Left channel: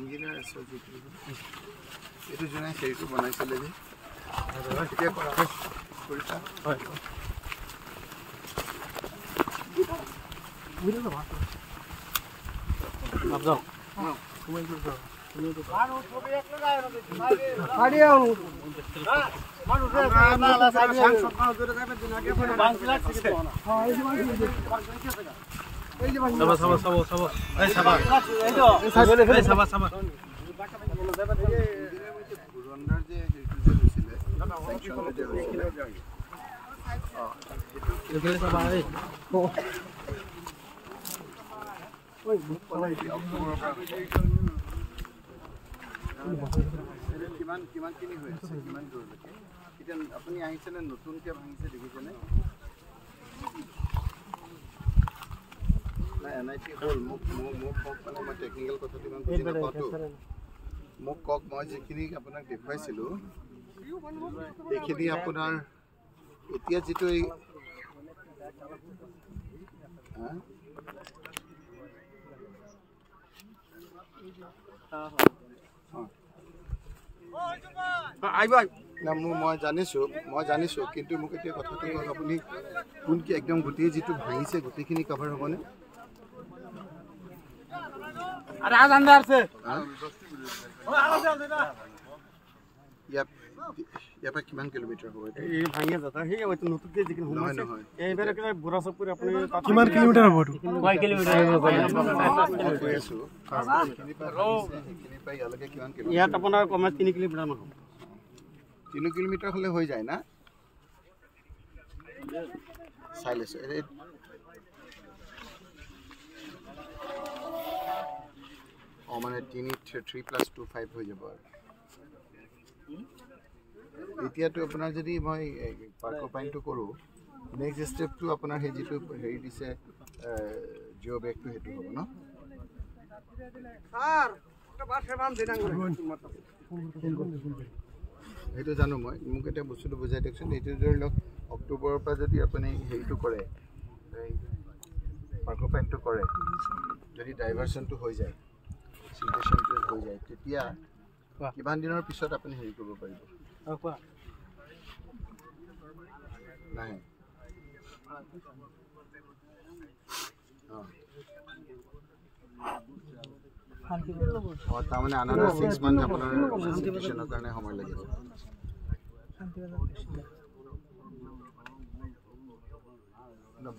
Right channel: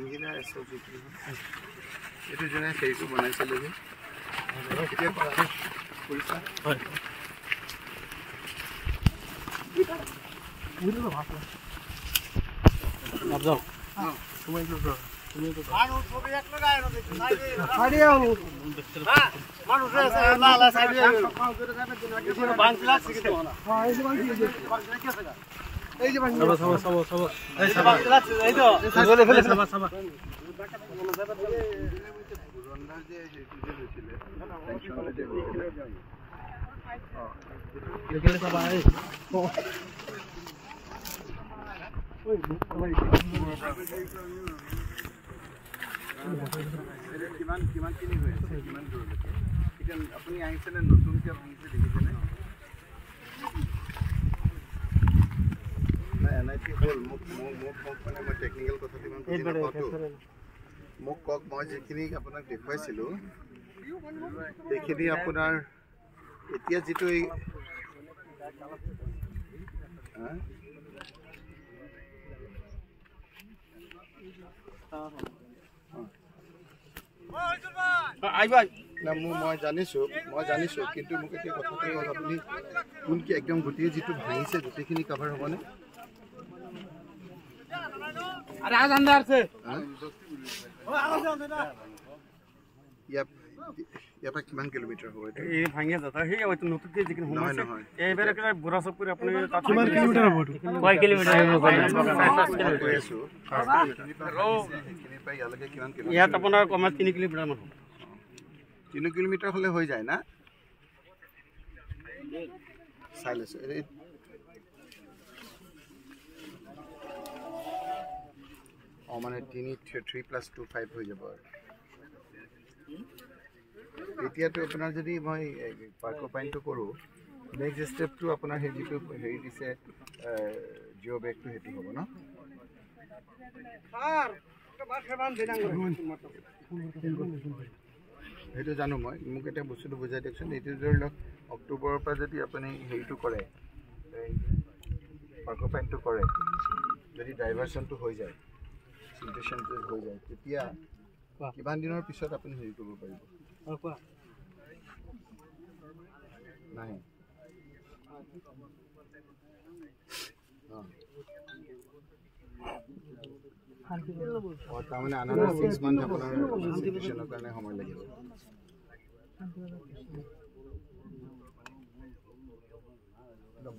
engineer जो फेरी बनाइছিলে যে আপুনি আহিছে নে নতুনকে ভাঙিছে দেখিছেনে না এনআইটি হল মোক মানে মই টেকনিক্যাল কথাটো ইমান বুজি নাপাতো মোক কক মই যেখিনি আপোনাক দেখুৱাইছিলো এইখিনি আপোনাৰ এতিয়া যেটো না মই জানিছো কিন্তু মোক এতিয়া কথাটো হ'ল আপুনি কোনকি একদম গোটেই যেটো ভাঙিছে গোটেইখিনি কভাৰ হ'বনে আৰে আজ अंदर से ইয়াৰ পৰা কিমান কিলোমিটাৰ হ'ব এটা এই ভাঙিয়া যাতা হে হয়তো নতুনকে যিকিন নহয় এইবারে কিবা বুঢ়াচক কৰি আপুনি কিমান কিলোমিটাৰ হ'ব কয় কিলোমিটাৰ হ'ব কৈ আছো এইখিনি পাই ইয়ালৈকে কিমান কিলোমিটাৰ ইয়াত আপোনাৰ কমে 3 কিলোমিটাৰ মান হ'ব 3 কিলোমিটাৰ হলে হৈ যায় না চাইলেছ মানে 3+2 5 হৈ যাব এতিয়াটো আপোনাৰ যদি মই পাৰ্ক পইণ্টটো কৰো নেক্সট ষ্টেপটো আপোনাৰ হে যিটো হেৰি দিছে জিও ব্ৰেকটো হেতু হ'ব ন স্যার এটা বাসে বান দিনাং হেতু জানো মই মোক এটা বস্তুটো বুজাই দিয়কচোন এইটো ধৰি লওক অক্টোবৰৰ পৰা যদি আপুনি হেৰিটো কৰে পাৰ্ক পইণ্টটো কৰে যদি ডাইভাৰচনটো হৈ যায় সিচুৱেশনটো হৈ যায় তেতিয়া কিমান দিনৰ পিছত আপুনি হেৰি কৰিব পাৰিব কোৱা নাই তাৰমানে আনাৰ 6 মান্থ আপোনাৰ সিচুৱেশনৰ কাৰণে সময় লাগিব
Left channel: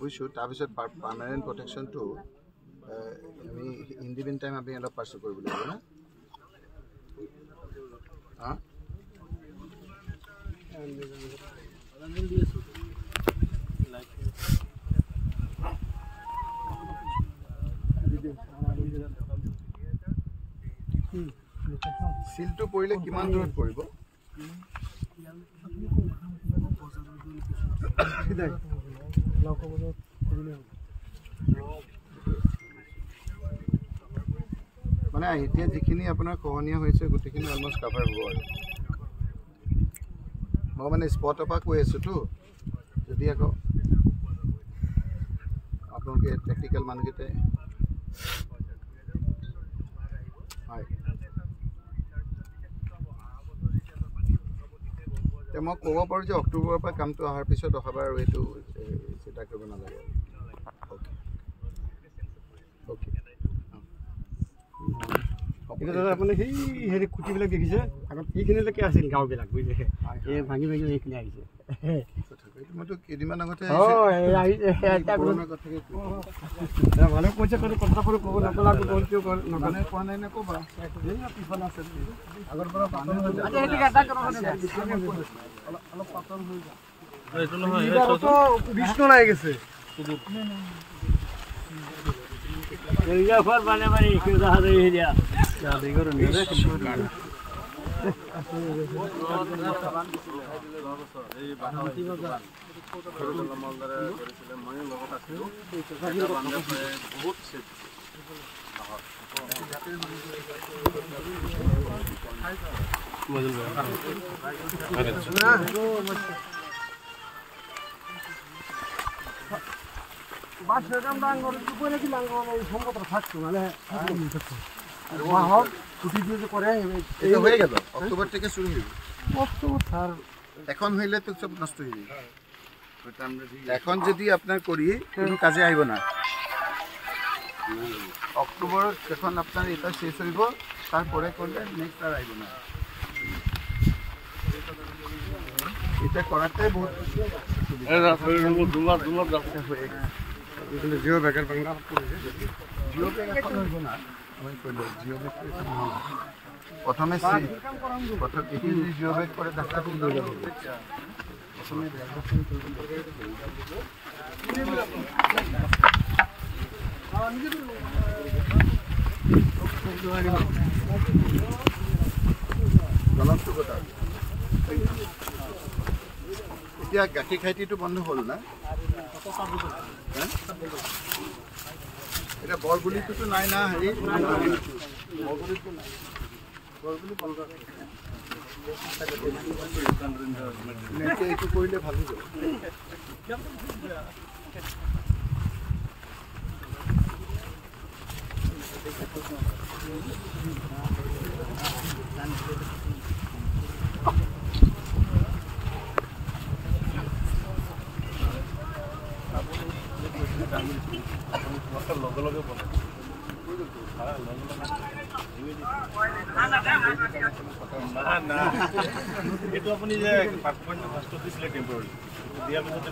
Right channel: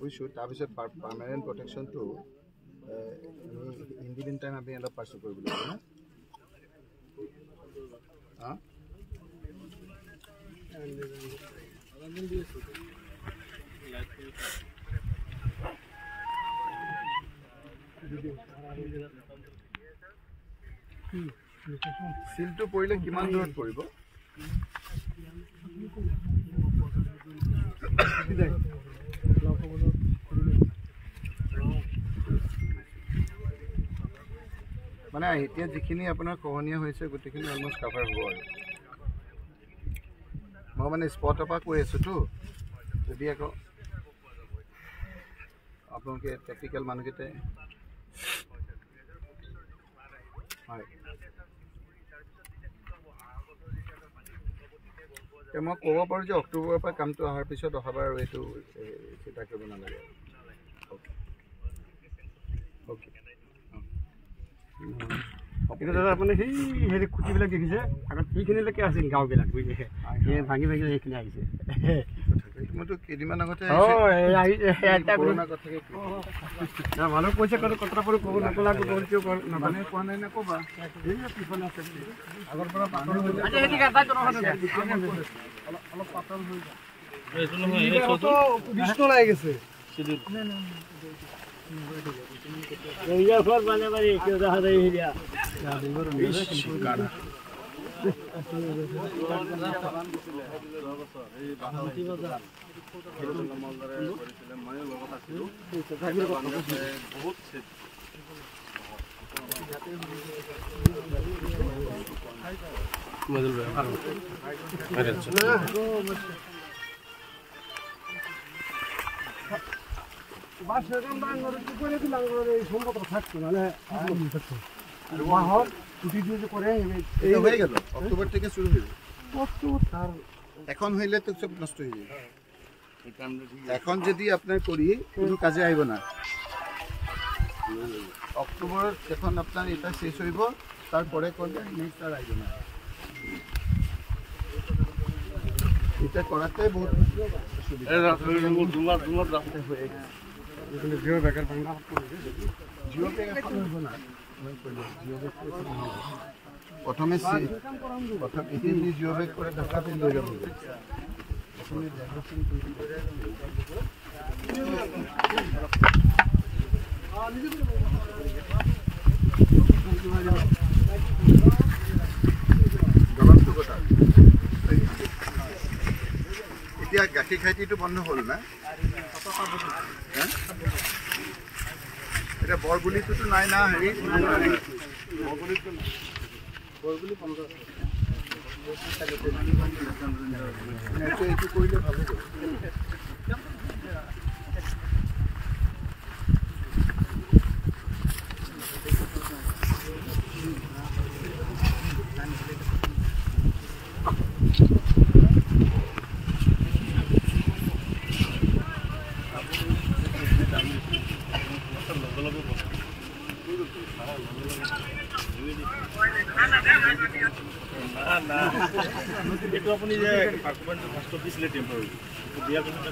বুজিছোঁ তাৰপিছত পাৰ্মানেণ্ট প্ৰটেকশ্যনটো আমি ইন দি মিন টাইম আমি অলপ পাৰ্চু কৰিব লাগিব না সিলটো পৰিলে কিমান দূৰত পৰিব মানে এতিয়া যিখিনি আপোনাৰ কহনীয়া হৈছে গোটেইখিনি অলমোষ্ট কভাৰ হ'ব আৰু মই মানে স্পটৰ পৰা কৈ আছোঁতো যদি আকৌ আপোনালোকে টেকনিকেল মানুহকেইটাই হয় মই ক'ব পাৰোঁ যে অক্টোবৰৰ পৰা কামটো অহাৰ পিছত অহাবাৰ আৰু এইটো চিন্তা কৰিব নালাগে অ'কে এটা দাদা আপুনি সেই হেৰি খুঁটিবিলাক দেখিছে আগত সেইখিনিলৈকে আছিল গাঁওবিলাক বুজিছে এই ভাঙি এইখিনি আহিছে মইতো কেইদিনমান আগতে মানুহ কৈছে কথা ক'ব নাপালাক মানে কোৱা নাই নে ক'বা আগৰ পৰা পাতল হৈ যায় অলপ পাতল হৈ যায় বিষ্ণু লাগি গেছে অক্টোবর থেকে শুরু হয়ে এখন হইলে তো সব নষ্ট হয়ে যায় এখন যদি আপনার করি কোনো কাজে আইব না অক্টোবর যখন আপনার এটা শেষ হইব তারপরে করলে নেক্সট আর আইব না এটা করাতে বহুত জিও ব্যাগের বাংলা জিও ব্যাগ এখন হইব না আমি কইলে জিও ব্যাগ প্রথমে প্রথম এটি যদি জিও ব্যাগ করে ডাক্তার তিন লয়ে যাব প্রথমে এতিয়া গাখীৰ খাইটিটো বন্ধ হ'ল না এটা বৰগুলিটোতো নাই না হেৰি বৰগুলিটো নাই বৰগুলি বন্ধ এইটো কৰিলে ভাল হৈ যাব এইটো আপুনি যে পাৰ্টমেণ্ট ফাৰ্ষ্টত দিছিলে টেম্পৰাৰী দিয়াৰ পিছত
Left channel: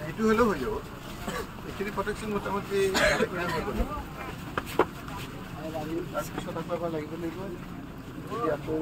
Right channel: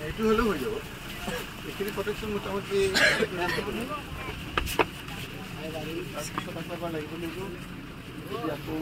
এইটো হ'লেও হৈ যাব এইখিনি প্ৰটেকশ্যন মোটামুটি তাৰপিছত আকৌ লাগিব লাগিব আকৌ